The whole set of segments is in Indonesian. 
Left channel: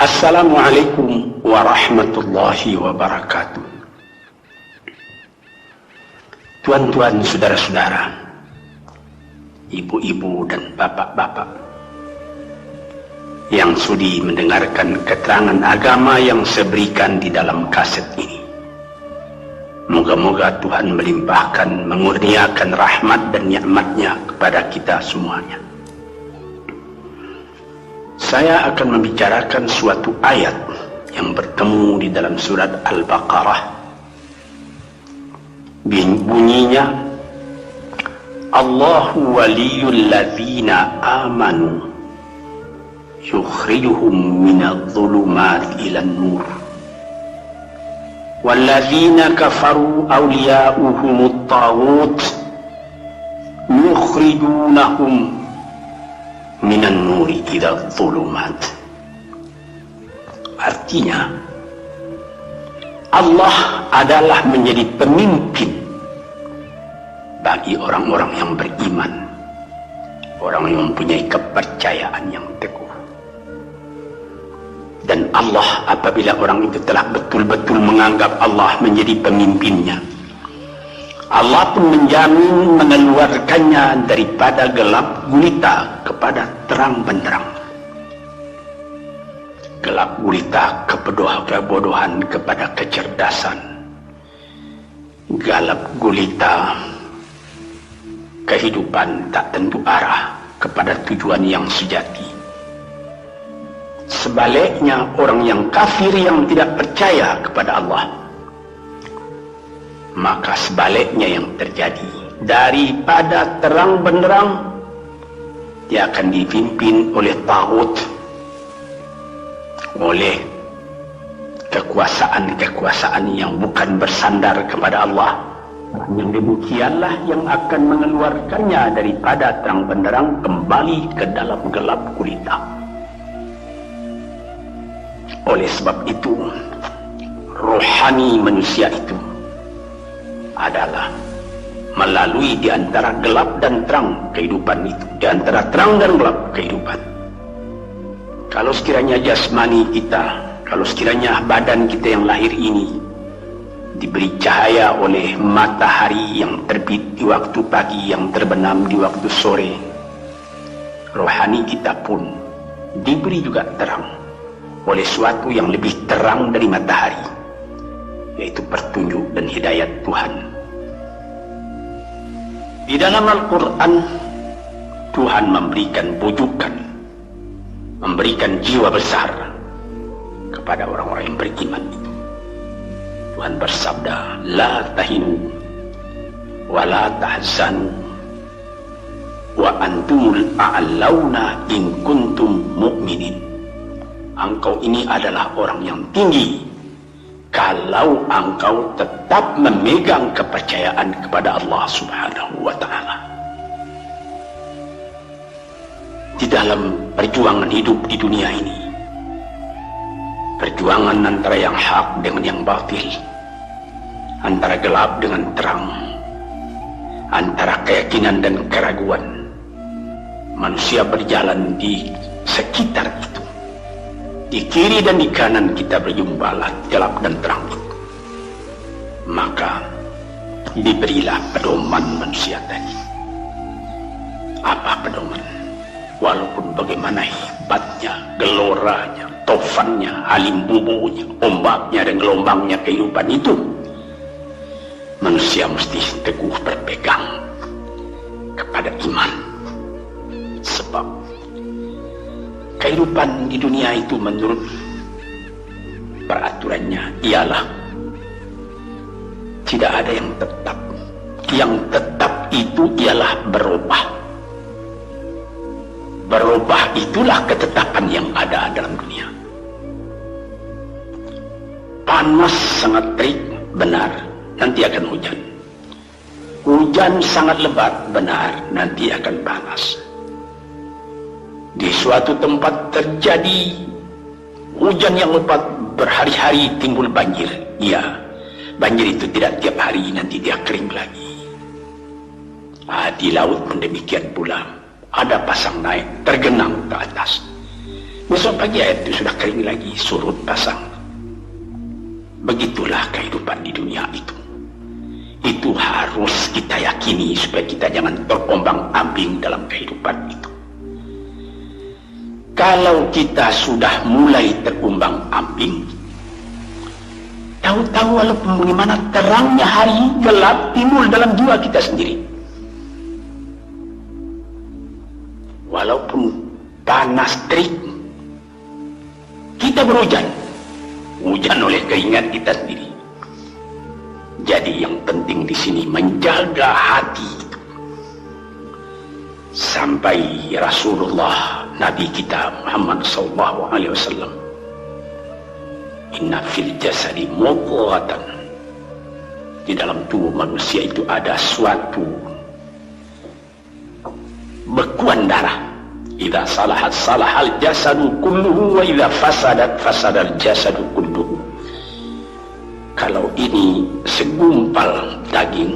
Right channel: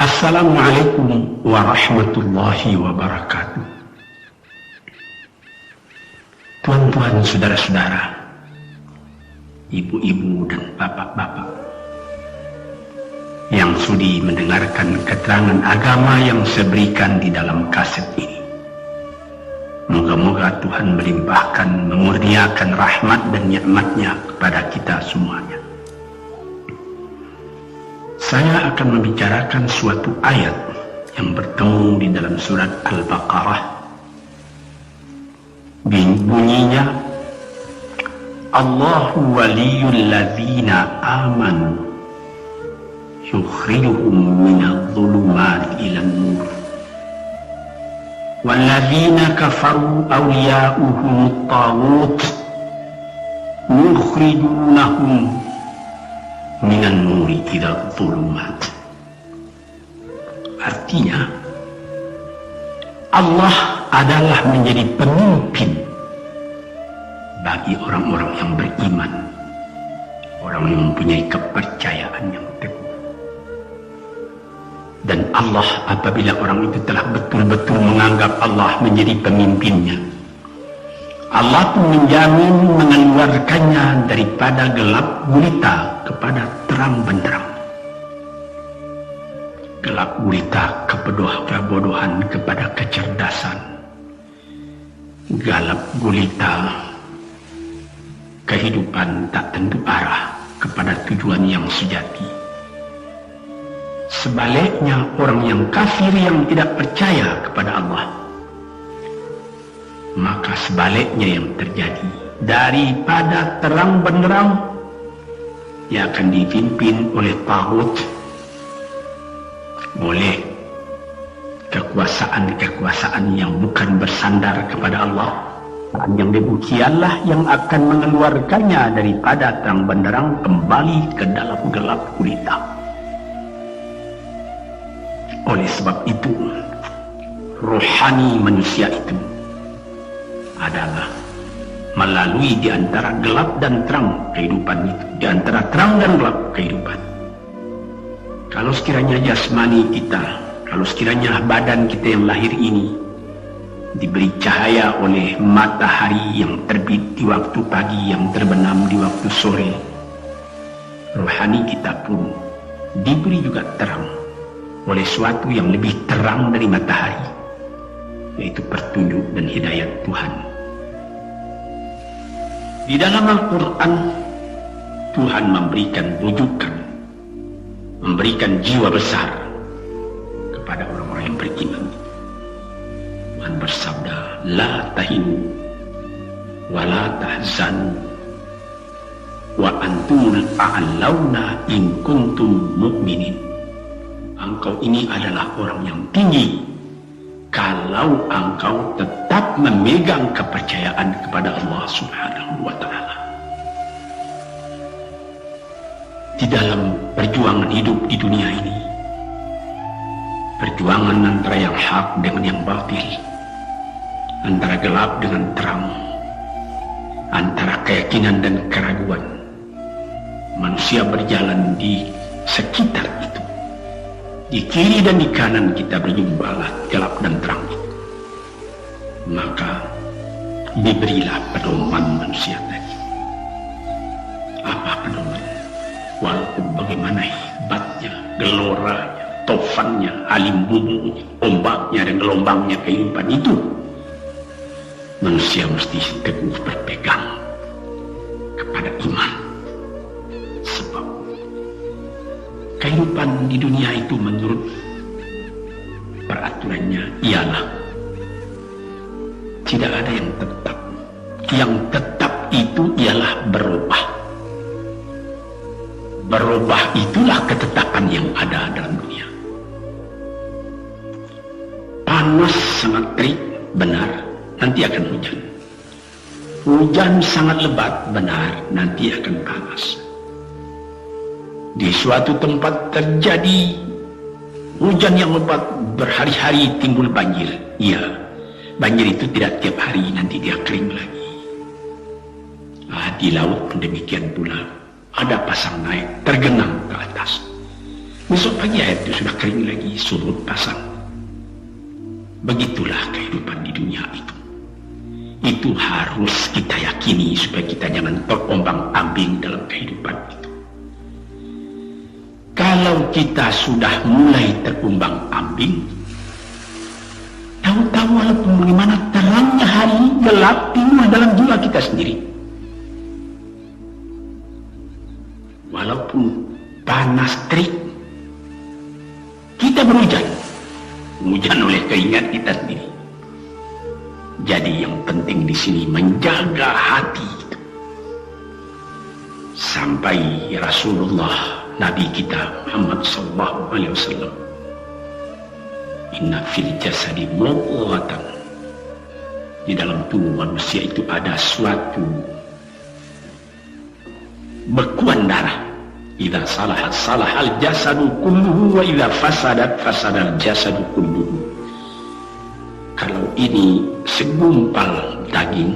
Assalamualaikum warahmatullahi wabarakatuh. Tuan-tuan, saudara-saudara, ibu-ibu dan bapak-bapak yang sudi mendengarkan keterangan agama yang saya berikan di dalam kaset ini. Moga-moga Tuhan melimpahkan, mengurniakan rahmat dan nikmat-Nya kepada kita semuanya. Saya akan membicarakan suatu ayat yang bertemu di dalam surat Al-Baqarah. Bunyinya, Allahu waliyul ladzina amanu yukhrijuhum minadh dhulumati ilan nur walladzina kafaru awliya'uhumut taghut yukhrijunahum minan nuri ila dhulumat. Artinya, Allah adalah menjadi pemimpin bagi orang-orang yang beriman, orang yang mempunyai kepercayaan yang teguh. Dan Allah, apabila orang itu telah betul-betul menganggap Allah menjadi pemimpinnya, Allah pun menjamin mengeluarkannya daripada gelap gulita kepada terang benderang. Gelap gulita kebodohan kepada kecerdasan. Gelap gulita kehidupan tak tentu arah kepada tujuan yang sejati. Sebaliknya, orang yang kafir yang tidak percaya kepada Allah, maka sebaliknya yang terjadi, daripada terang benderang dia akan dipimpin oleh taghut, oleh kekuasaan-kekuasaan yang bukan bersandar kepada Allah. Dan yang demikianlah yang akan mengeluarkannya daripada terang benderang kembali ke dalam gelap gulita. Oleh sebab itu, rohani manusia itu adalah melalui di antara gelap dan terang kehidupan itu, di antara terang dan gelap kehidupan. Kalau sekiranya jasmani kita, kalau sekiranya badan kita yang lahir ini diberi cahaya oleh matahari yang terbit di waktu pagi, yang terbenam di waktu sore, rohani kita pun diberi juga terang oleh suatu yang lebih terang dari matahari, yaitu petunjuk dan hidayat Tuhan. Di dalam Al-Quran, Tuhan memberikan bujukan, memberikan jiwa besar kepada orang-orang yang beriman itu. Tuhan bersabda, La tahinu wa la tahzanu wa antumul a'launa in kuntum mu'minin. Engkau ini adalah orang yang tinggi kalau engkau tetap memegang kepercayaan kepada Allah Subhanahu wa ta'ala. Di dalam perjuangan hidup di dunia ini, perjuangan antara yang hak dengan yang batil, antara gelap dengan terang, antara keyakinan dan keraguan, manusia berjalan di sekitar itu. Di kiri dan di kanan kita berjumpalah gelap dan terang. Maka diberilah pedoman manusia tadi. Apa pedoman? Walaupun bagaimana hebatnya, geloranya, tofannya, alim bubunya, ombaknya dan gelombangnya kehidupan itu, manusia mesti teguh berpegang kepada iman. Sebab kehidupan di dunia itu menurut peraturannya ialah tidak ada yang tetap. Yang tetap itu ialah berubah. Berubah itulah ketetapan yang ada dalam dunia. Panas sangat terik, benar, nanti akan hujan. Hujan sangat lebat, benar, nanti akan panas. Di suatu tempat terjadi hujan yang lebat, berhari-hari timbul banjir. Iya, banjir itu tidak tiap hari, nanti dia kering lagi. Di laut pun demikian pula. Ada pasang naik, tergenang ke atas. Besok pagi ayat itu sudah kering lagi, surut pasang. Begitulah kehidupan di dunia itu. Itu harus kita yakini supaya kita jangan terombang-ambing dalam kehidupan itu. Kalau kita sudah mulai terombang-ambing, tahu-tahu walaupun bagaimana terangnya hari gelap timbul dalam jiwa kita sendiri. Walaupun panas terik, kita berhujan. Hujan oleh keingat kita sendiri. Jadi yang penting di sini menjaga hati itu. Sampai Rasulullah Nabi kita Muhammad SAW, inna fil jasadi mudghatan, di dalam tubuh manusia itu ada suatu bekuan darah. Idza salahat salahal jasadu kulluhu wa idza fasadat fasadal jasadu kulluhu. Kalau ini segumpal daging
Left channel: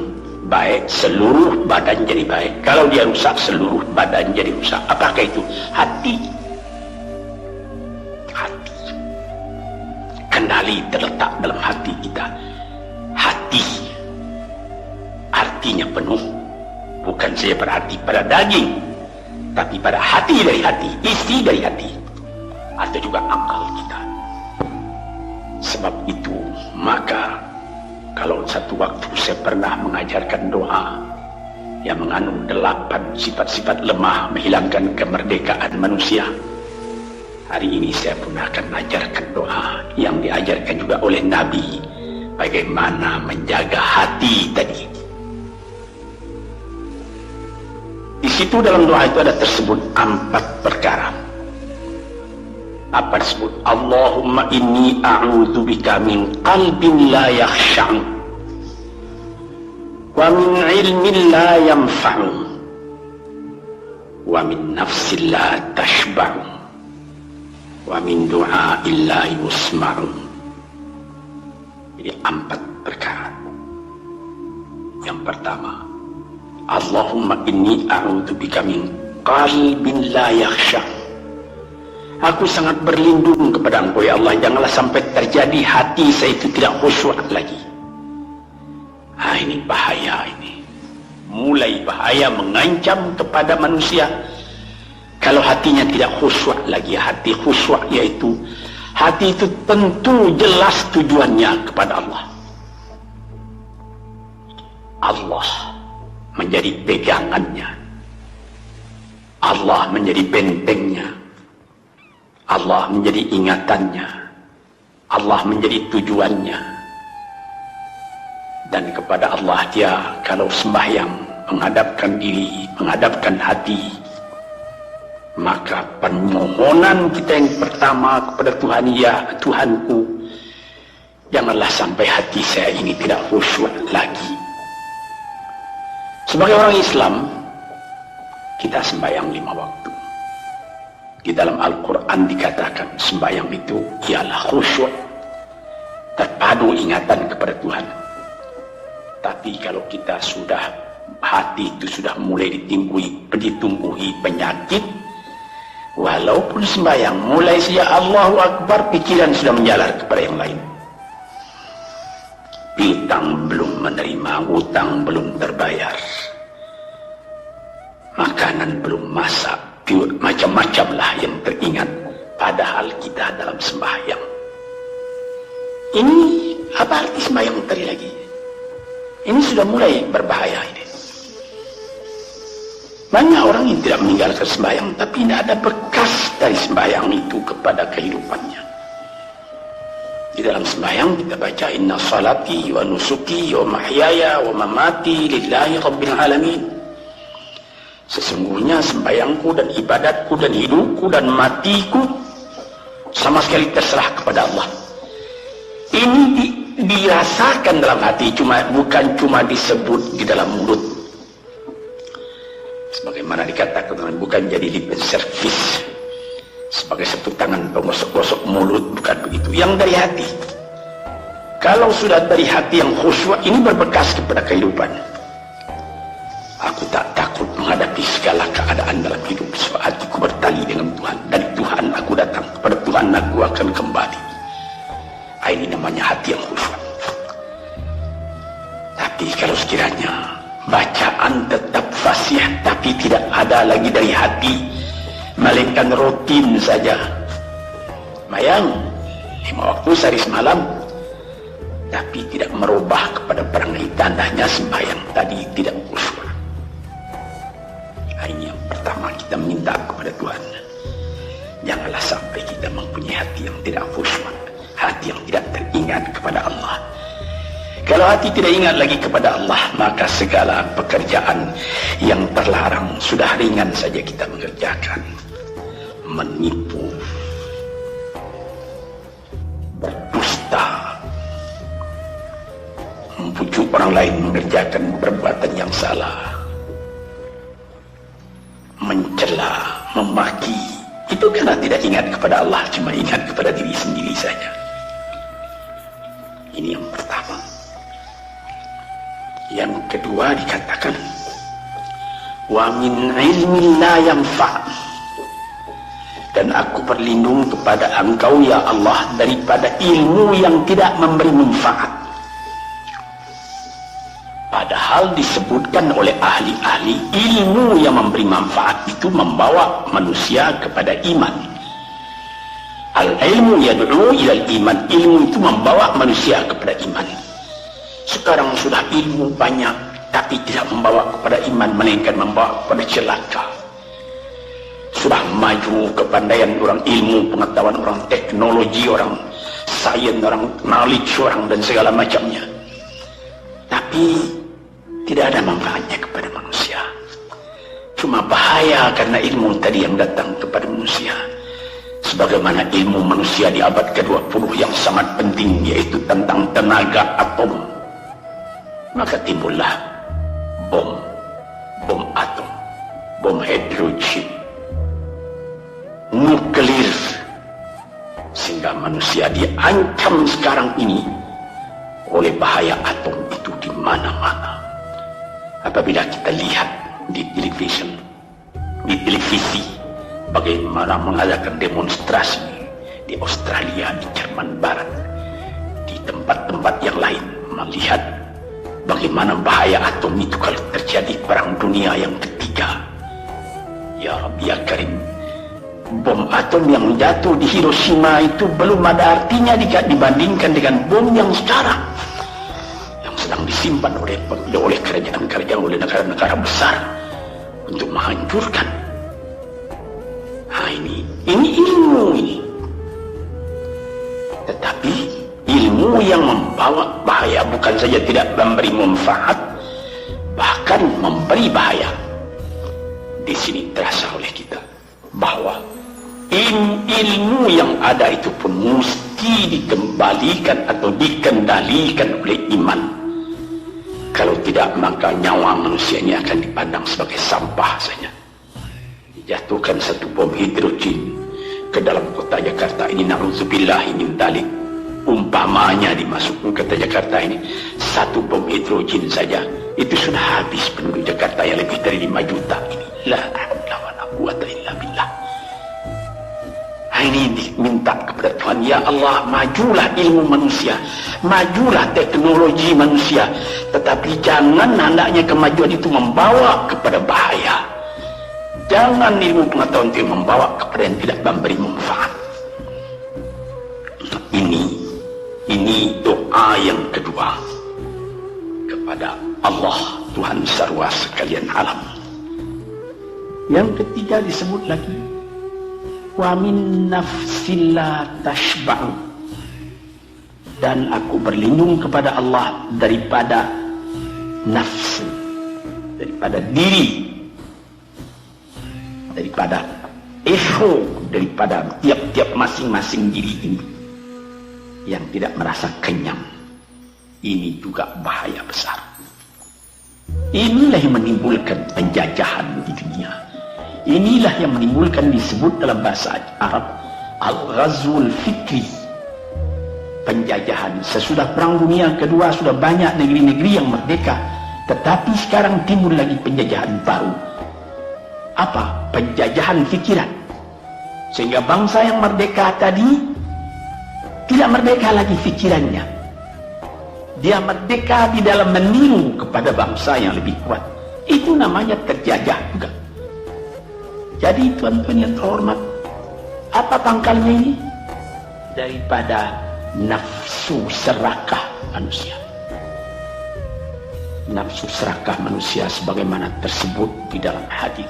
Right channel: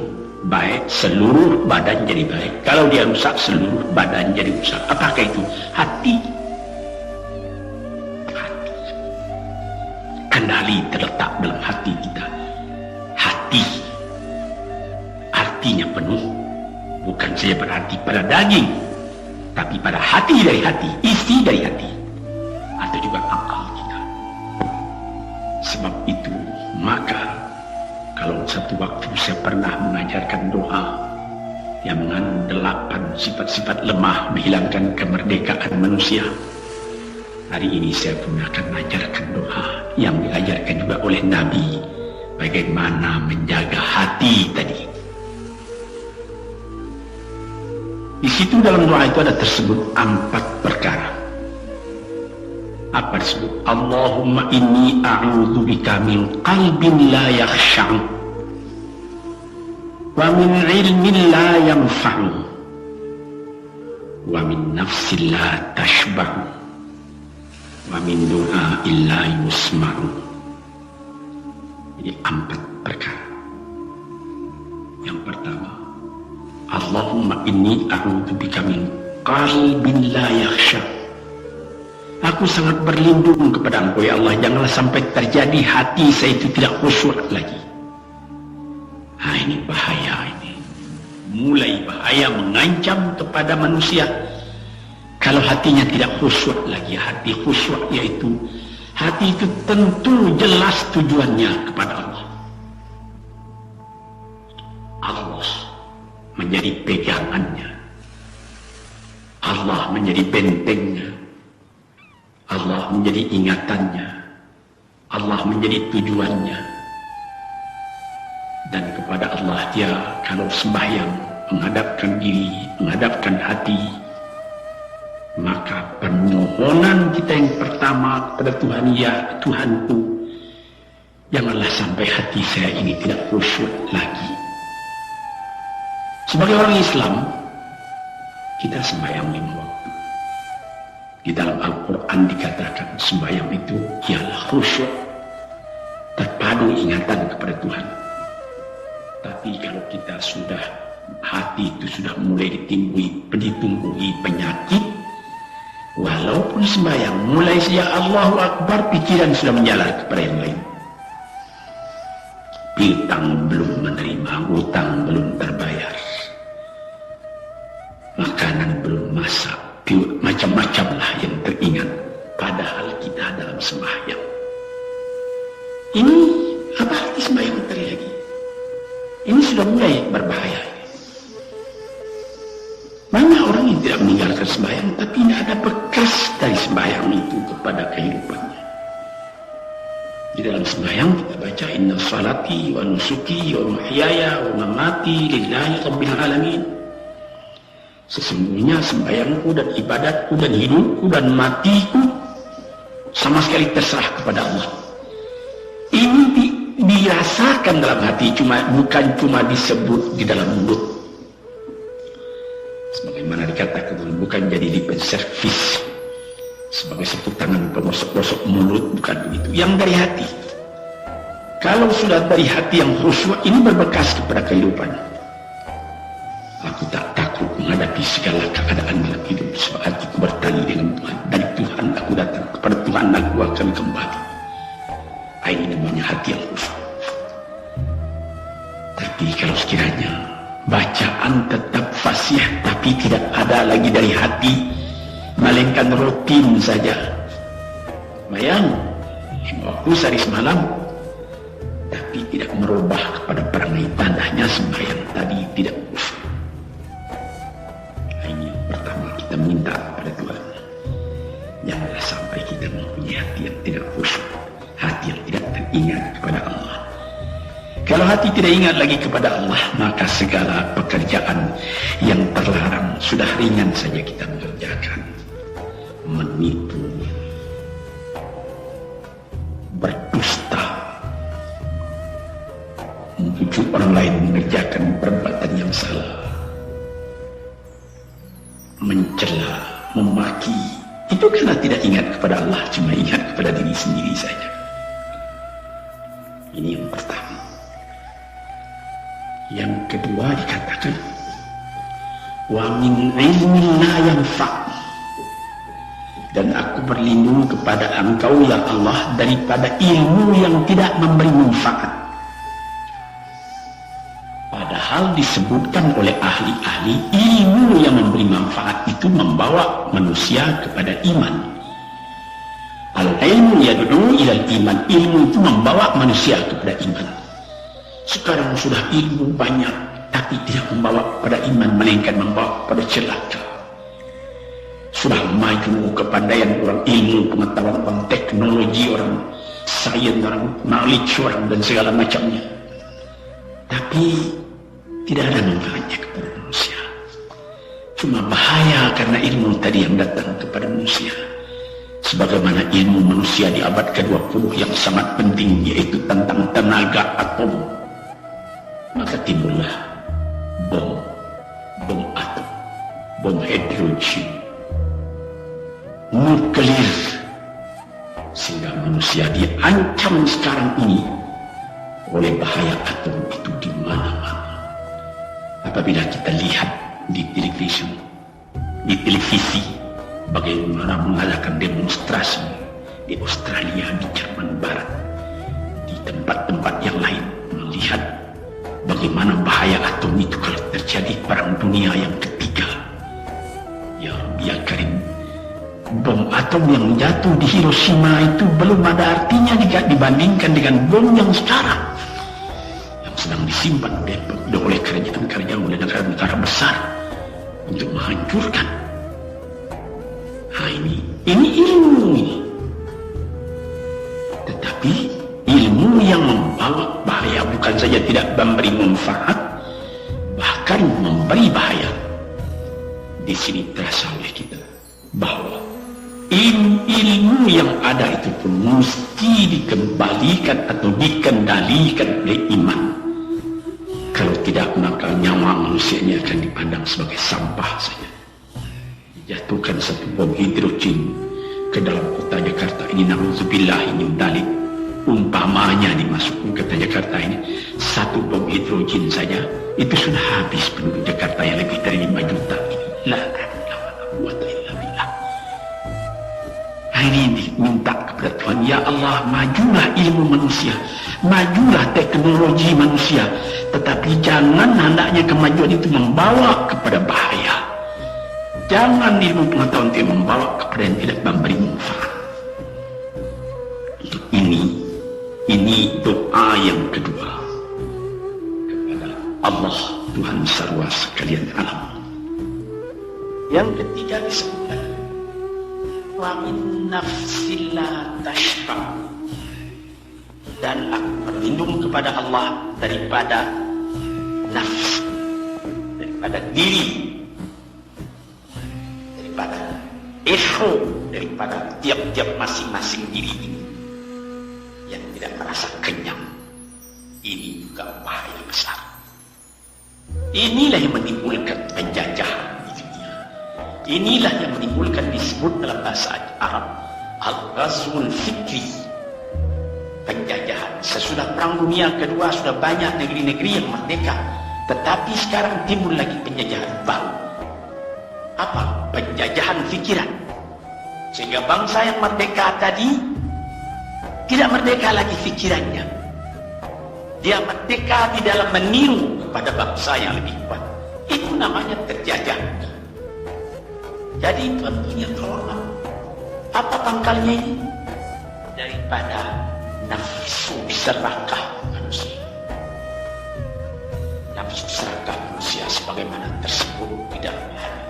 baik, seluruh badan jadi baik. Kalau dia rusak, seluruh badan jadi rusak. Apakah itu? Hati. Hati. Kendali terletak dalam hati kita. Hati artinya penuh. Bukan saja berarti pada daging, tapi pada hati dari hati, isi dari hati, atau juga akal kita. Sebab itu, maka kalau satu waktu saya pernah mengajarkan doa yang mengandung 8 sifat-sifat lemah menghilangkan kemerdekaan manusia, hari ini saya pun akan mengajarkan doa yang diajarkan juga oleh Nabi, bagaimana menjaga hati tadi. Di situ dalam doa itu ada tersebut 4 perkara. Apa disebut? Allahumma inni a'udzubika min qalbin la yakhsha'u wa min ilmin la yanfa'u wa min nafsin la tashba'u wa min du'a'in la yusma'u. Ini 4 perkara. Yang pertama, Allahumma inni a'udzubika min qalbin la yakhsha'u. Aku sangat berlindung kepada Engkau ya Allah, janganlah sampai terjadi hati saya itu tidak khusyuk lagi. Ini bahaya ini. Mulai bahaya mengancam kepada manusia kalau hatinya tidak khusyuk lagi. Hati khusyuk yaitu hati itu tentu jelas tujuannya kepada Allah. Allah menjadi pegangannya. Allah menjadi bentengnya. Allah menjadi ingatannya. Allah menjadi tujuannya. Dan kepada Allah dia kalau sembahyang menghadapkan diri, menghadapkan hati, maka permohonan kita yang pertama kepada Tuhan, ya Tuhanku, janganlah sampai hati saya ini tidak khusyuk lagi. Sebagai orang Islam, kita sembahyang 5 waktu. Di dalam Al-Quran dikatakan sembahyang itu ialah khusyuk, terpadu ingatan kepada Tuhan. Tapi kalau kita sudah, hati itu sudah mulai ditumbuhi penyakit, walaupun sembahyang mulai sejak Allahu Akbar, pikiran sudah menjalar kepada yang lain. Piutang belum menerima, utang belum terbayar, makanan belum masak, macam-macam lah yang teringat, padahal kita dalam sembahyang. Ini apa arti sembahyang tadi lagi? Ini sudah mulai berbahaya ini. Banyak orang yang tidak meninggalkan sembahyang, tapi tidak ada bekas dari sembahyang itu kepada kehidupannya. Di dalam sembahyang kita baca inna salati wa nusuki wa mahyaya wa mamati lillahi rabbil alamin. Sesungguhnya sembahyangku dan ibadatku dan hidupku dan matiku sama sekali terserah kepada Allah. Ini dirasakan dalam hati, bukan cuma disebut di dalam mulut. Sebagaimana dikatakan, bukan jadi lip service sebagai satu tangan penggosok-gosok mulut, bukan begitu. Yang dari hati. Kalau sudah dari hati yang khusyuk, ini berbekas kepada kehidupan. Aku tak takut takut menghadapi segala keadaan dalam hidup, sebab hatiku bertali dengan Tuhan. Dari Tuhan aku datang, kepada Tuhan aku akan kembali. Ini namanya hati yang khusyuk. Tapi kalau sekiranya bacaan tetap fasih tapi tidak ada lagi dari hati, melainkan rutin saja, mayang 5 waktu sehari semalam, tapi tidak merubah kepada perangai tandanya sembahyang tadi tidak khusyuk. Ini yang pertama kita minta kepada Tuhan. Janganlah sampai kita mempunyai hati yang tidak khusyuk, hati yang tidak teringat kepada Allah. Kalau hati tidak ingat lagi kepada Allah, maka segala pekerjaan yang terlarang sudah ringan saja kita mengerjakan. Menipu, berdusta, membujuk orang lain mengerjakan perbuatan yang salah, mencela, memaki, itu karena tidak ingat kepada Allah, cuma ingat kepada diri sendiri saja. Ini yang pertama. Yang kedua dikatakan, wa min ilmin la yanfa', dan aku berlindung kepada Engkau ya Allah daripada ilmu yang tidak memberi manfaat. Padahal disebutkan oleh ahli-ahli, ilmu yang memberi manfaat itu membawa manusia kepada iman. Al-ilmu yad'u ilal iman, ilmu itu membawa manusia kepada iman. Sekarang sudah ilmu banyak tapi tidak membawa kepada iman, melainkan membawa kepada celaka. Sudah maju kepandaian orang, ilmu pengetahuan orang, teknologi orang, sains orang, knowledge orang dan segala macamnya, tapi tidak ada manfaatnya kepada manusia. Cuma bahaya karena ilmu tadi yang datang kepada manusia. Sebagaimana ilmu manusia di abad ke-20 yang sangat penting, yaitu tentang tenaga atom, maka timbullah bom atom, bom hidrogen, nuklir, sehingga manusia diancam sekarang ini oleh bahaya atom itu di mana-mana. Apabila kita lihat di televisi bagaimana mengadakan demonstrasi di Australia, di Jerman Barat, di tempat-tempat yang lain, melihat bagaimana bahaya atom itu kalau terjadi perang dunia yang ketiga. Ya Rabbi ya Karim, bom atom yang jatuh di Hiroshima itu belum ada artinya dibandingkan dengan bom yang sekarang, yang sedang disimpan oleh kerajaan-kerajaan, oleh negara-negara besar untuk menghancurkan. Nah, ini ilmu ini. Tetapi ilmu yang membawa bahaya, bukan saja tidak memberi manfaat, bahkan memberi bahaya. Di sini terasa oleh kita bahwa ilmu yang ada itu pun mesti dikembalikan atau dikendalikan oleh iman. Kalau tidak, maka nyawa manusia ini akan dipandang sebagai sampah saja. Dijatuhkan satu bom hidrogen ke dalam kota Jakarta ini, na'udzubillah min dzalik, umpamanya dimasukkan ke kota Jakarta ini, satu bom hidrogen saja itu sudah habis penduduk Jakarta yang lebih dari 5 juta ini. La haula wala quwwata illa billah. Ini minta kepada Tuhan, ya Allah, majulah ilmu manusia, majulah teknologi manusia, tetapi jangan hendaknya kemajuan itu membawa kepada bahaya. Jangan ilmu pengetahuan itu membawa kepada yang tidak memberi manfaat. Ini doa yang kedua kepada Allah Tuhan sarwa sekalian alam. Yang ketiga disebut lagi, wa min nafsil la tashba'u, dan aku berlindung kepada Allah daripada nafsu, daripada diri, daripada ego, daripada tiap-tiap masing-masing diri ini yang tidak merasa kenyang. Ini juga bahaya besar. Inilah yang menimbulkan penjajahan di dunia. Inilah yang menimbulkan, disebut dalam bahasa Arab, al-ghazwul fikri, penjajahan. Sesudah perang dunia kedua sudah banyak negeri-negeri yang merdeka, tetapi sekarang timbul lagi penjajahan baru. apa? Penjajahan pikiran. Sehingga bangsa yang merdeka tadi tidak merdeka lagi pikirannya. Dia merdeka di dalam meniru kepada bangsa yang lebih kuat. Itu namanya terjajah juga. Jadi tuan-tuan yang terhormat, apa pangkalnya ini? Daripada nafsu serakah manusia. Nafsu serakah manusia sebagaimana tersebut di dalam hadis.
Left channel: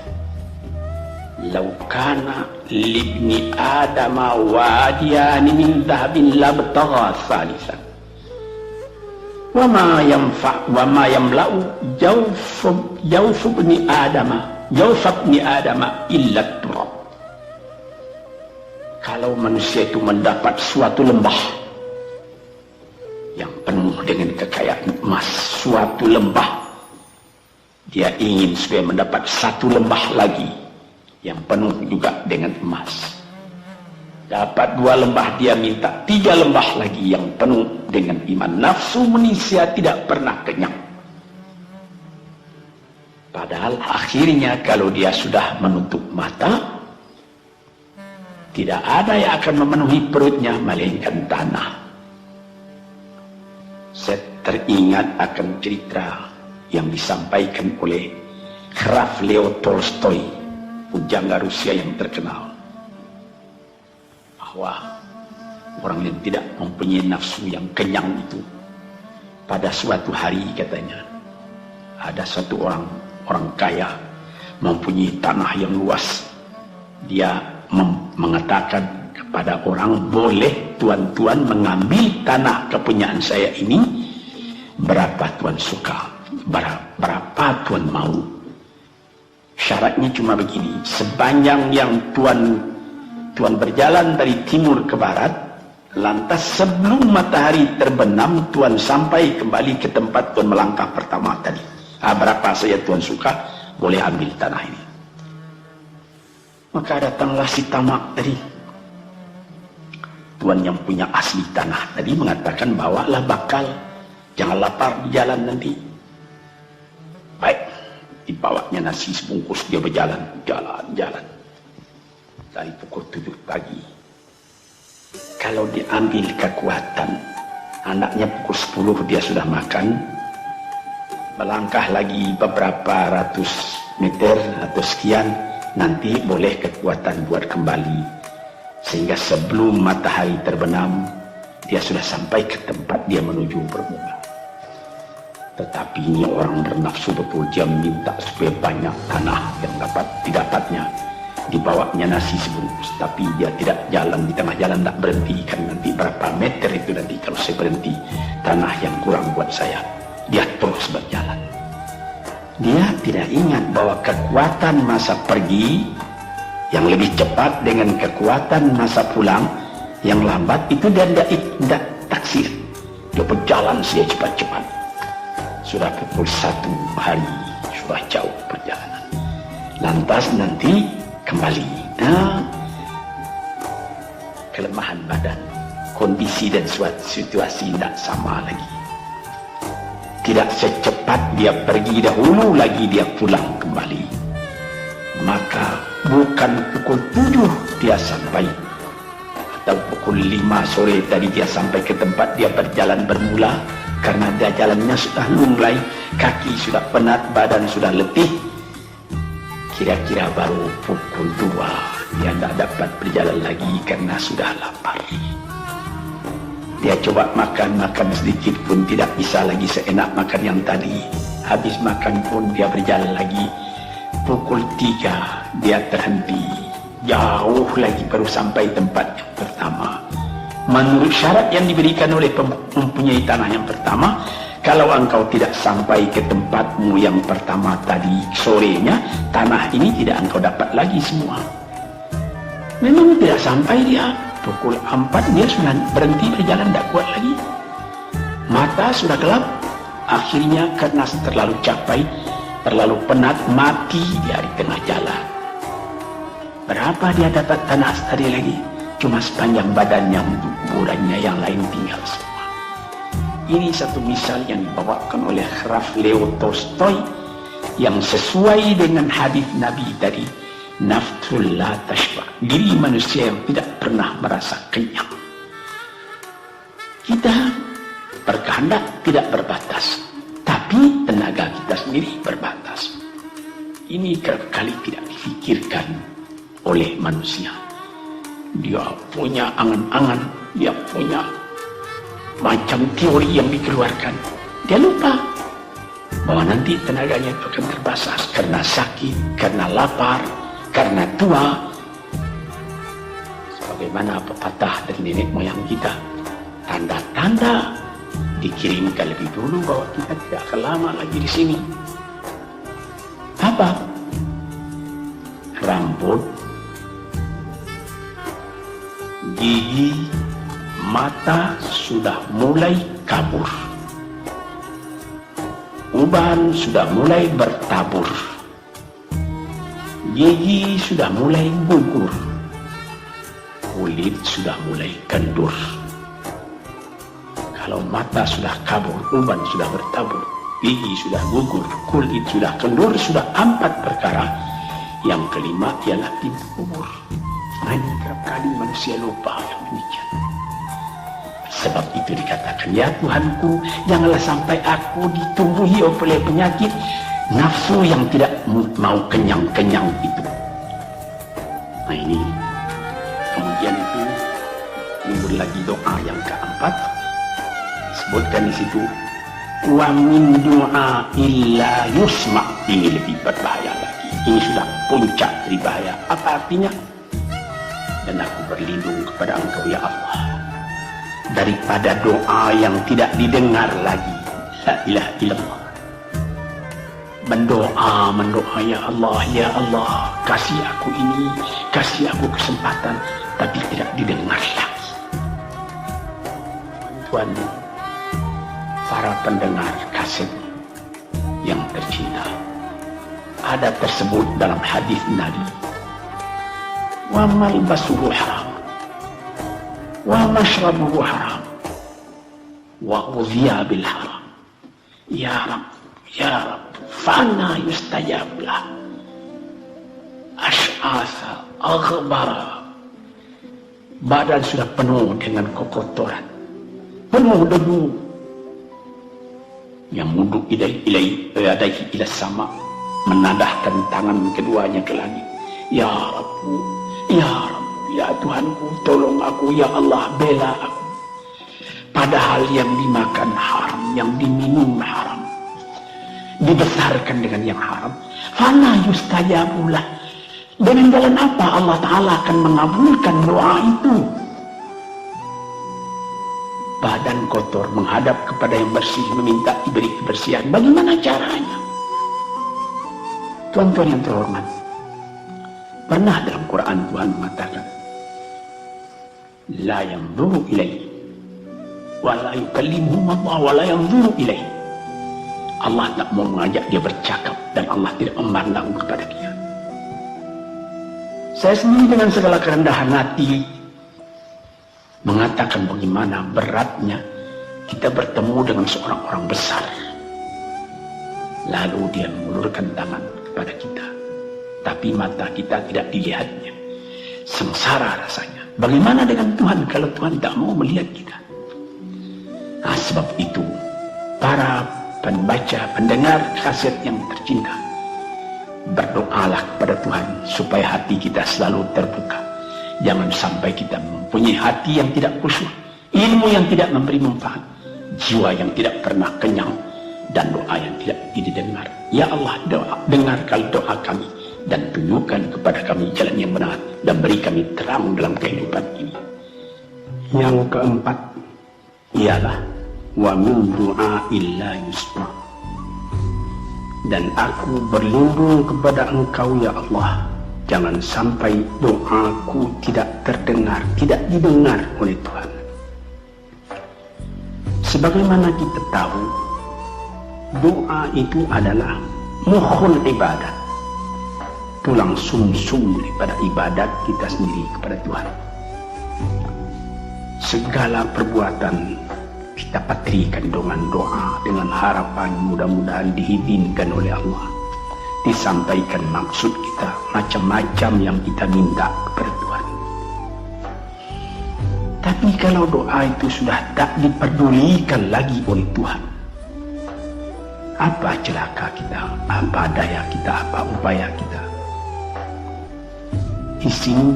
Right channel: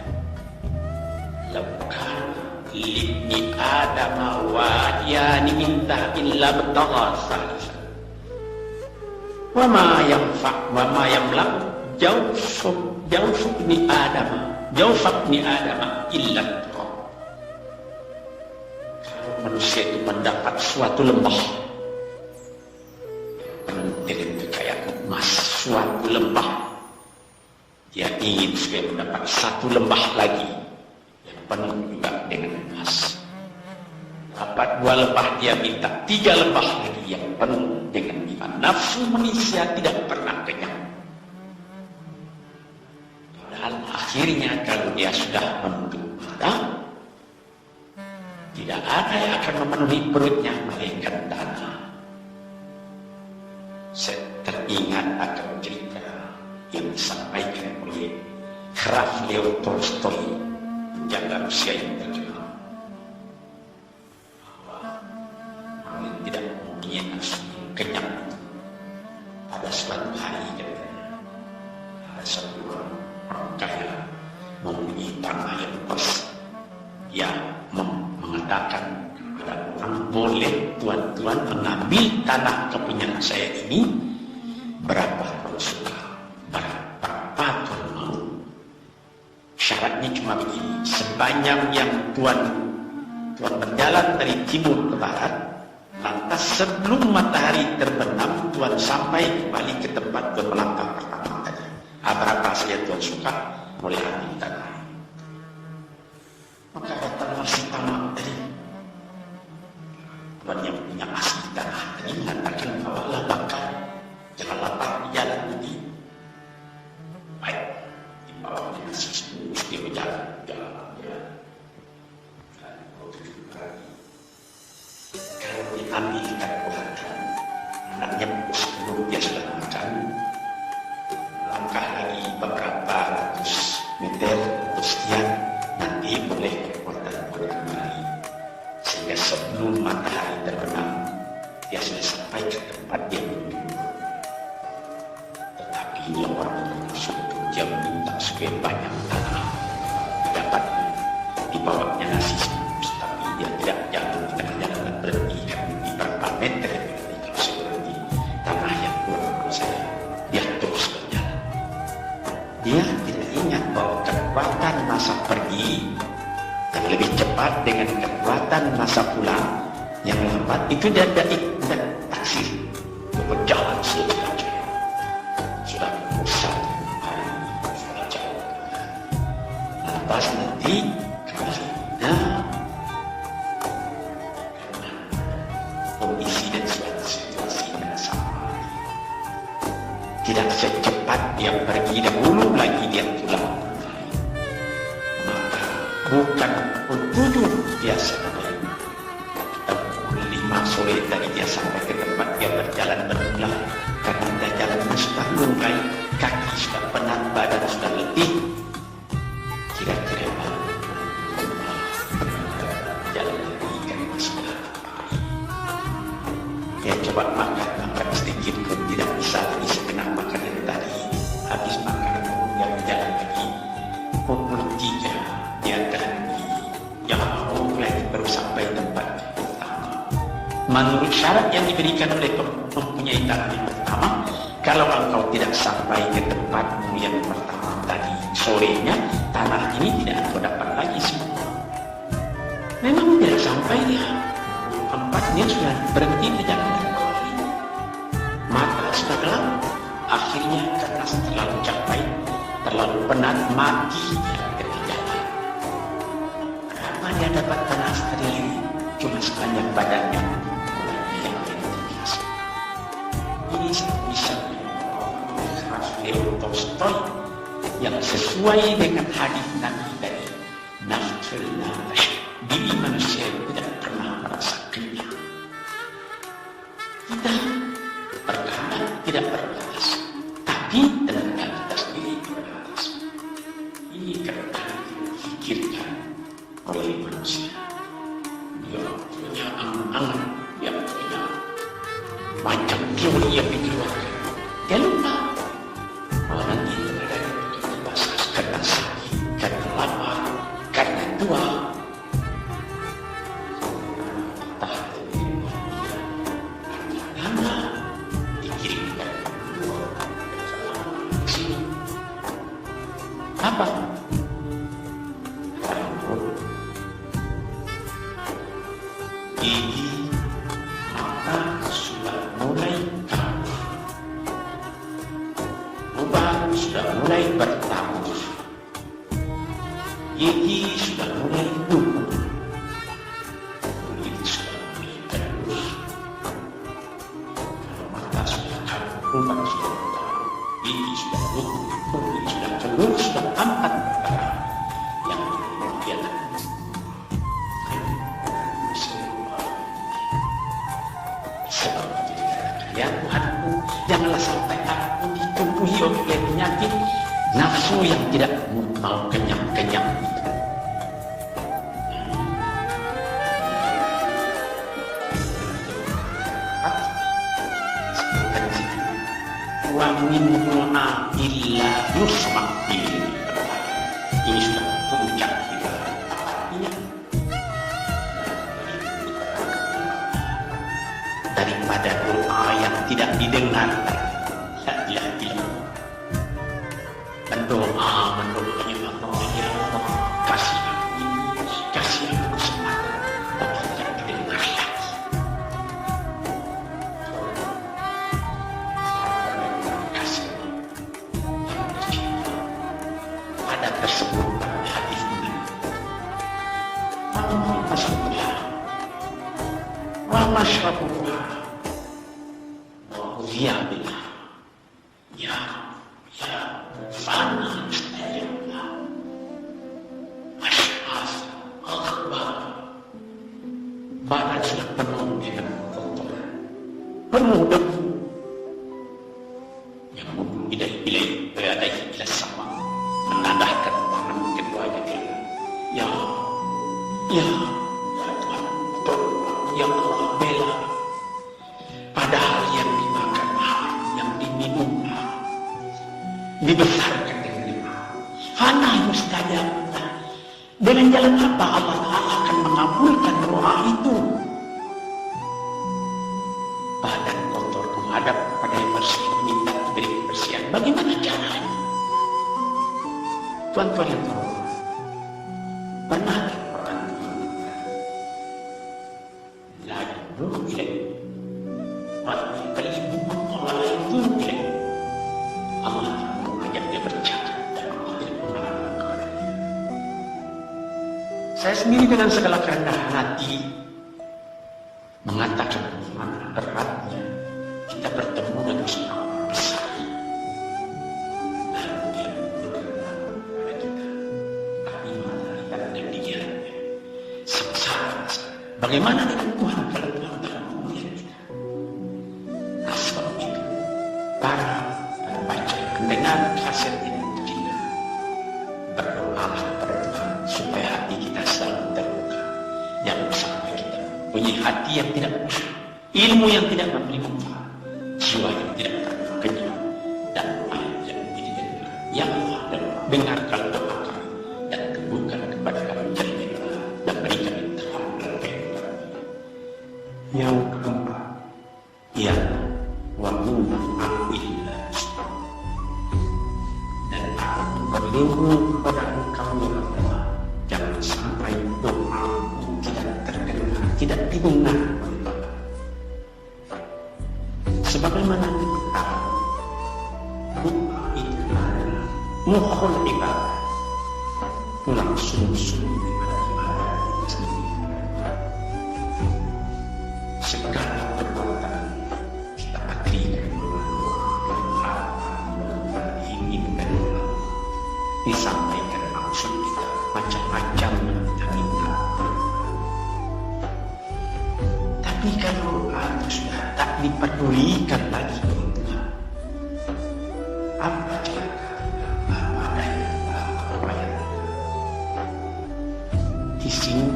Lau kana libni adama wadiyani min dhahabin labtagha salisan. Wa ma yamla'u jawfu ibni adama illa turab. Kalau manusia itu mendapat suatu lembah yang penuh dengan kekayaan emas, suatu lembah, dia ingin supaya mendapat satu lembah lagi yang penuh juga dengan emas. Dapat 2 lembah, dia minta 3 lembah lagi yang penuh dengan iman. Nafsu manusia tidak pernah kenyang. Padahal akhirnya kalau dia sudah menutup mata, tidak ada yang akan memenuhi perutnya melainkan tanah. Saya teringat akan cerita yang disampaikan oleh Graf Leo Tolstoy, pujangga Rusia yang terkenal, bahwa orang yang tidak mempunyai nafsu yang kenyang itu, pada suatu hari katanya, ada satu orang kaya mempunyai tanah yang luas. Dia mengatakan kepada orang, boleh tuan-tuan mengambil tanah kepunyaan saya ini, berapa tuan suka, berapa tuan mau. Syaratnya cuma begini, sepanjang yang tuan berjalan dari timur ke barat, lantas sebelum matahari terbenam tuan sampai kembali ke tempat tuan melangkah pertama tadi. Berapa saja tuan suka, boleh ambil tanah ini. Maka datanglah si tamak tadi. Tuan yang punya asli tanah tadi mengatakan, bawalah bakal, jangan lapar di jalan nanti. Baik, dibawanya nasi sebungkus, dia berjalan, jalan. Dari pukul 7 pagi. Kalau diambil kekuatan, anaknya pukul 10 dia sudah makan. Melangkah lagi beberapa ratus meter atau sekian, nanti boleh kekuatan buat kembali. Sehingga sebelum matahari terbenam, dia sudah sampai ke tempat dia menuju bermula. Tetapi ini orang bernafsu betul, dia minta supaya banyak tanah yang dapat didapatnya. Dibawanya nasi sebungkus, tapi dia tidak jalan di tengah jalan, tak berhenti, karena nanti berapa meter itu nanti kalau saya berhenti, tanah yang kurang buat saya. Dia terus berjalan. Dia tidak ingat bahwa kekuatan masa pergi yang lebih cepat dengan kekuatan masa pulang yang lambat itu dia tidak taksir. Dia berjalan saja cepat-cepat. Sudah pukul 1 hari, sudah jauh perjalanan. Lantas nanti kembali. Kelemahan badan, kondisi dan situasi tidak sama lagi. Tidak secepat dia pergi dahulu lagi dia pulang kembali. Maka bukan pukul 7 dia sampai, atau pukul 5 sore tadi dia sampai ke tempat dia berjalan bermula, karena dia jalannya sudah lunglai, kaki sudah penat, badan sudah letih. Kira-kira baru pukul 2 dia tidak dapat berjalan lagi karena sudah lapar. Dia coba makan sedikit pun tidak bisa lagi seenak makan yang tadi. Habis makan pun dia berjalan lagi. Pukul 3 dia terhenti. Jauh lagi baru sampai tempat yang pertama. Menurut syarat yang diberikan oleh mempunyai tanah yang pertama, kalau engkau tidak sampai ke tempatmu yang pertama tadi sorenya, tanah ini tidak engkau dapat lagi semua. Memang tidak sampai dia. Pukul 4 dia sudah berhenti berjalan, tidak kuat lagi. Mata sudah gelap. Akhirnya karena terlalu capek, terlalu penat, mati dia di tengah jalan. Berapa dia dapat tanah tadi lagi? Cuma sepanjang badannya, untuk kuburannya yang lain tinggal semua. Ini satu misal yang dibawakan oleh Graf Leo Tolstoy yang sesuai dengan hadis Nabi tadi, nafsul la tashba, diri manusia yang tidak pernah merasa kenyang. Kita berkehendak tidak berbatas, tapi tenaga kita sendiri berbatas. Ini kali tidak difikirkan oleh manusia. Dia punya angan-angan, dia punya macam teori yang dikeluarkan. Dia lupa bahwa nanti tenaganya itu akan terbatas karena sakit, karena lapar, karena tua. Sebagaimana pepatah dari nenek moyang kita, tanda-tanda dikirimkan lebih dulu bahwa kita tidak akan lama lagi di sini. Apa? Rambut, gigi, mata sudah mulai kabur. Uban sudah mulai bertabur. Gigi sudah mulai gugur. Kulit sudah mulai kendur. Kalau mata sudah kabur, uban sudah bertabur, gigi sudah gugur, kulit sudah kendur, sudah 4 perkara. Yang kelima ialah tiba umur. Nah, ini kerap kali manusia lupa yang demikian. Sebab itu dikatakan, ya Tuhanku, janganlah sampai aku ditumbuhi oleh penyakit nafsu yang tidak mau kenyang-kenyang itu. Nah ini, kemudian itu mundur lagi doa yang keempat. Sebutkan di situ, wa min du'a illa yusma'. Ini lebih berbahaya lagi. Ini sudah puncak dari bahaya. Apa artinya? Dan aku berlindung kepada Engkau ya Allah daripada doa yang tidak didengar lagi. La ilaha illallah. Mendoa ya Allah, kasih aku ini, kasih aku kesempatan, tapi tidak didengar lagi. Tuhan, para pendengar kaset yang tercinta, ada tersebut dalam hadis Nabi, wa malbasuhu haram, wa mashrabuhu haram, wa uziya bil haram. Ya Rabb, ya Rabb, fana yustajab lah. Ash'asa aghbara. Badan sudah penuh dengan kotoran, penuh debu. Yang muduk ilaihi ila sama, menadahkan tangan keduanya ke langit. Ya Rabbu, ya Rabbu, ya Tuhanku, tolong aku, ya Allah, bela aku. Padahal yang dimakan haram, yang diminum haram, dibesarkan dengan yang haram. Fana yustajabulah. Dengan jalan apa Allah Ta'ala akan mengabulkan doa itu? Badan kotor menghadap kepada yang bersih, meminta diberi kebersihan. Bagaimana caranya? Tuan-tuan yang terhormat, pernah dalam Quran Tuhan mengatakan, la yanzuru ilaihi wa la yukallimuhum Allah wa la yanzuru ilaihi. Allah tak mau mengajak dia bercakap dan Allah tidak memandang kepada dia. Saya sendiri dengan segala kerendahan hati mengatakan bagaimana beratnya kita bertemu dengan seorang orang besar, lalu dia mengulurkan tangan kepada kita, tapi mata kita tidak dilihatnya. Sengsara rasanya. Bagaimana dengan Tuhan kalau Tuhan tak mau melihat kita? Nah, sebab itu para pembaca, pendengar kaset yang tercinta, berdoalah kepada Tuhan supaya hati kita selalu terbuka. Jangan sampai kita mempunyai hati yang tidak khusyuk, ilmu yang tidak memberi manfaat, jiwa yang tidak pernah kenyang, dan doa yang tidak didengar. Ya Allah, dengarkan doa kami dan tunjukkan kepada kami jalan yang benar dan beri kami terang dalam kehidupan ini. Yang keempat ialah wa min du'a illa yusma'. Dan aku berlindung kepada Engkau ya Allah, jangan sampai doaku tidak terdengar, tidak didengar oleh Tuhan. Sebagaimana kita tahu, doa itu adalah mukhul ibadah, tulang sumsum daripada ibadat kita sendiri kepada Tuhan. Segala perbuatan kita patrikan dengan doa, dengan harapan mudah-mudahan diizinkan oleh Allah. disampaikan maksud kita, macam-macam yang kita minta kepada Tuhan. Tapi kalau doa itu sudah tak diperdulikan lagi oleh Tuhan, apa celaka kita, apa daya kita, apa upaya kita? Di sini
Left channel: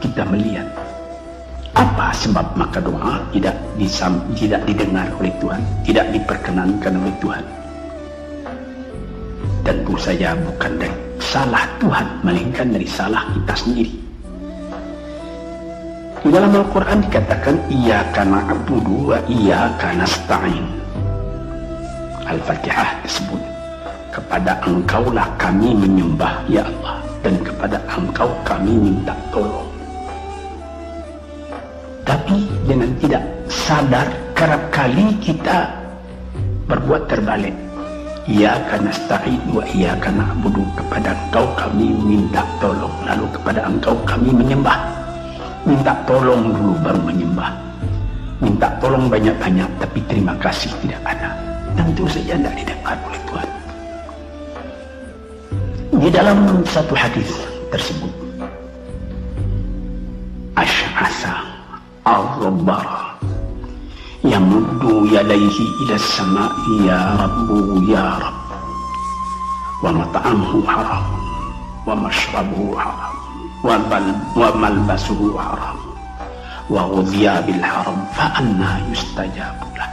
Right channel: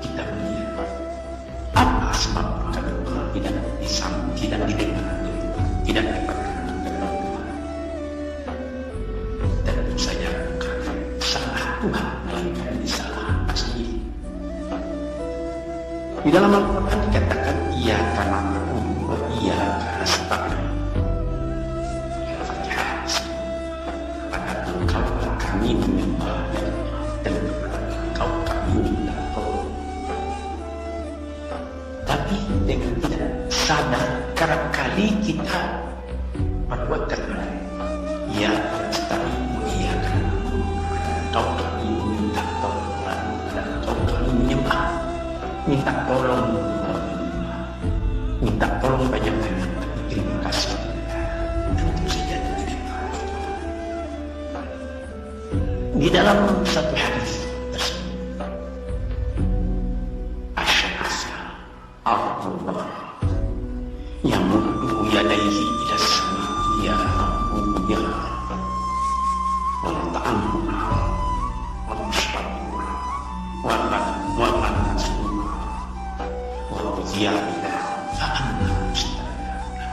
kita melihat apa sebab maka doa tidak didengar oleh Tuhan, tidak diperkenankan oleh Tuhan. Tentu saja bukan dari salah Tuhan, melainkan dari salah kita sendiri. Di dalam Al-Quran dikatakan iyyaka na'budu wa iyyaka nasta'in. Al-Fatihah disebut, kepada Engkaulah kami menyembah ya Allah, dan kepada Engkau kami minta tolong. Tapi dengan tidak sadar, kerap kali kita berbuat terbalik. Iyyaka nasta'in wa iyyaka na'budu, kepada Engkau kami minta tolong, lalu kepada Engkau kami menyembah. Minta tolong dulu baru menyembah. Minta tolong banyak-banyak tapi terima kasih tidak ada. Tentu saja tidak didengar oleh Tuhan. Di dalam satu hadis tersebut, Asy'asa al-Rabbara yamuddu yadayhi ila as-sama'i ya Rabbu ya Rabb, wa mat'amuhu haram wa mashrabuhu haram wa malbasuhu haram wa ghudhiya bil haram fa anna yustajabu lah.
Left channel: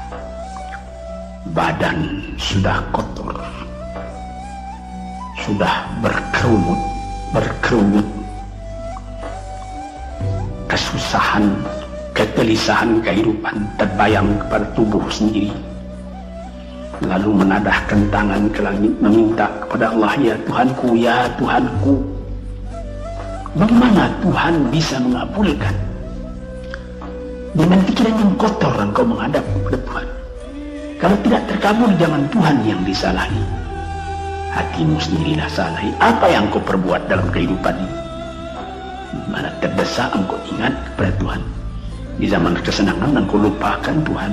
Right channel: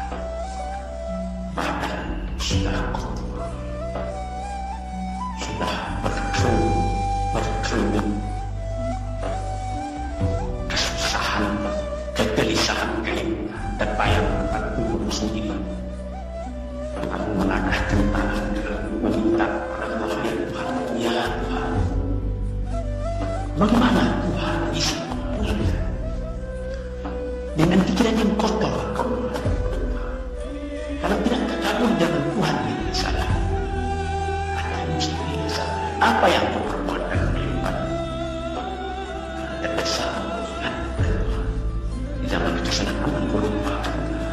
Badan sudah kotor, sudah berkeruyut, kesusahan, kegelisahan kehidupan terbayang kepada tubuh sendiri, lalu menadahkan tangan ke langit meminta kepada Allah, ya Tuhanku, ya Tuhanku. Bagaimana Tuhan bisa mengabulkan? Dengan pikiran yang kotor engkau menghadap kepada Tuhan. Kalau tidak terkabul, jangan Tuhan yang disalahi, hatimu sendirilah salahi. Apa yang kau perbuat dalam kehidupan ini? Mana terdesak engkau ingat kepada Tuhan. Di zaman kesenangan engkau lupakan Tuhan.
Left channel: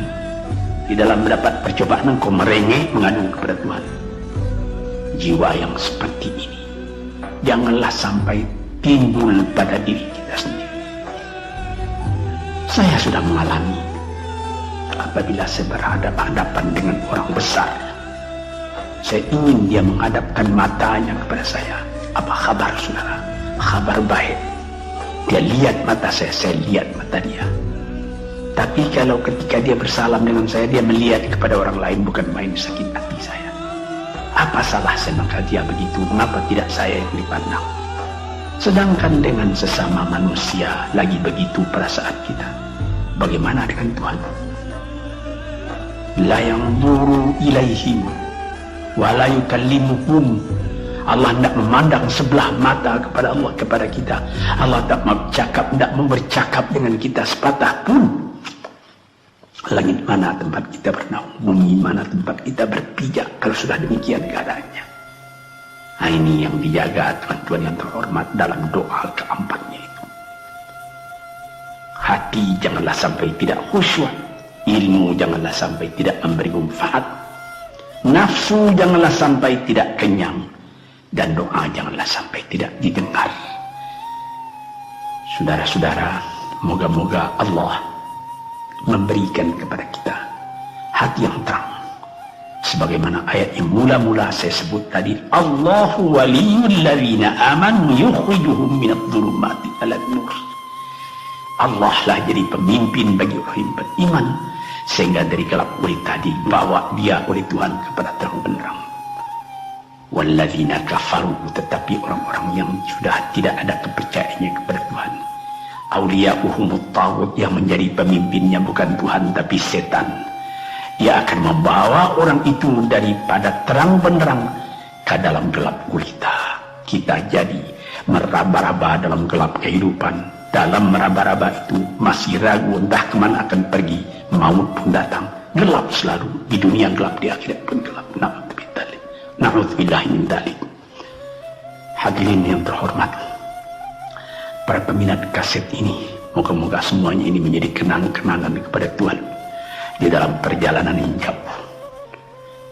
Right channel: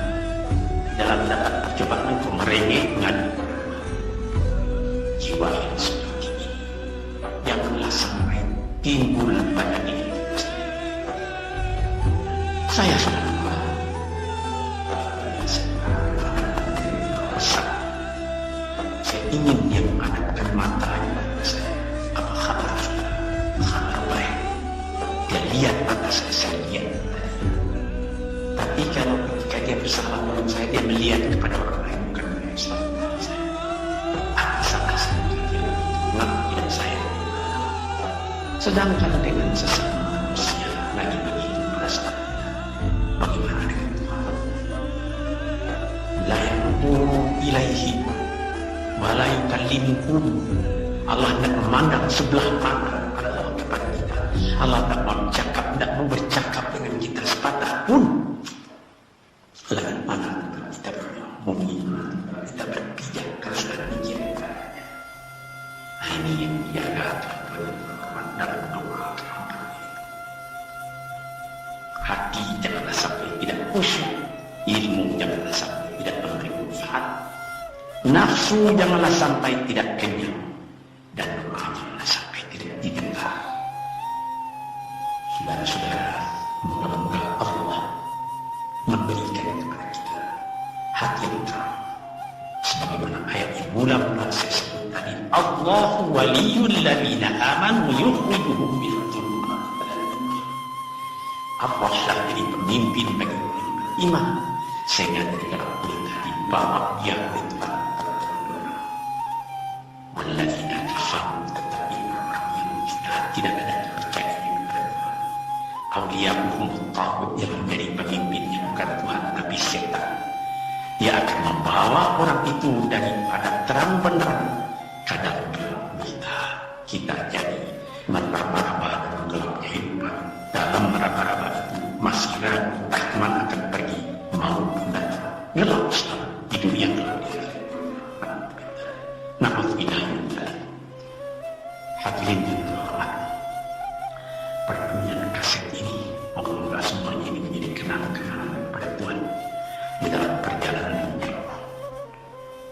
Di dalam mendapat percobaan engkau merengek mengadu kepada Tuhan. Jiwa yang seperti ini janganlah sampai timbul pada diri kita sendiri. Saya sudah mengalami apabila saya berhadapan dengan orang besar. Saya ingin dia menghadapkan matanya kepada saya. Apa kabar saudara? Kabar baik. Dia lihat mata saya lihat mata dia. Tapi kalau ketika dia bersalam dengan saya, dia melihat kepada orang lain, bukan main sakit hati saya. Apa salah saya maka dia begitu? Mengapa tidak saya yang dipandang? Sedangkan dengan sesama manusia lagi begitu perasaan kita. Bagaimana dengan Tuhan? La yanzuru ilaihim wa la yukallimuhum. Allah tidak memandang sebelah mata kepada Allah, kepada kita. Allah tidak mau bercakap dengan kita sepatah pun. Langit mana tempat kita bernaung, bumi mana tempat kita berpijak kalau sudah demikian keadaannya. Nah, ini yang dijaga Tuhan yang terhormat dalam doa keempatnya itu. Hati janganlah sampai tidak khusyuk, ilmu janganlah sampai tidak memberi manfaat, nafsu janganlah sampai tidak kenyang, dan doa janganlah sampai tidak didengar. Saudara-saudara, moga-moga Allah memberikan kepada kita hati yang terang, sebagaimana ayat yang mula-mula saya sebut tadi, Allahu waliyul ladzina amanu yukhrijuhum minadh dhulumati ilan nur. Allah lah jadi pemimpin bagi orang yang beriman, sehingga dari gelap gulita dibawa dia oleh Tuhan kepada terang benderang. Walladzina kafaru, tetapi orang-orang yang sudah tidak ada kepercayaannya kepada Tuhan, awliya'uhumut taghut, yang menjadi pemimpinnya bukan Tuhan tapi setan. Dia akan membawa orang itu daripada terang benderang ke dalam gelap gulita. Kita jadi meraba-raba dalam gelap kehidupan. Dalam meraba-raba itu masih ragu entah kemana akan pergi. Maut pun datang, gelap selalu. Di dunia gelap, di akhirat pun gelap. Na'udzubillahi min dzalik. Hadirin yang terhormat, para peminat kaset ini, moga-moga semuanya ini menjadi kenang-kenangan kepada Tuhan di dalam perjalanan yang jauh,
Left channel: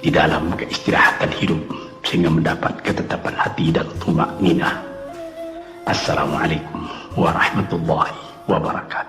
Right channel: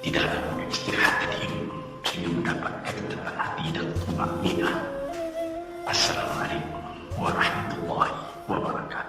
di dalam keistirahatan hidup, sehingga mendapat ketetapan hati dan tumakninah. Assalamualaikum warahmatullahi wabarakatuh.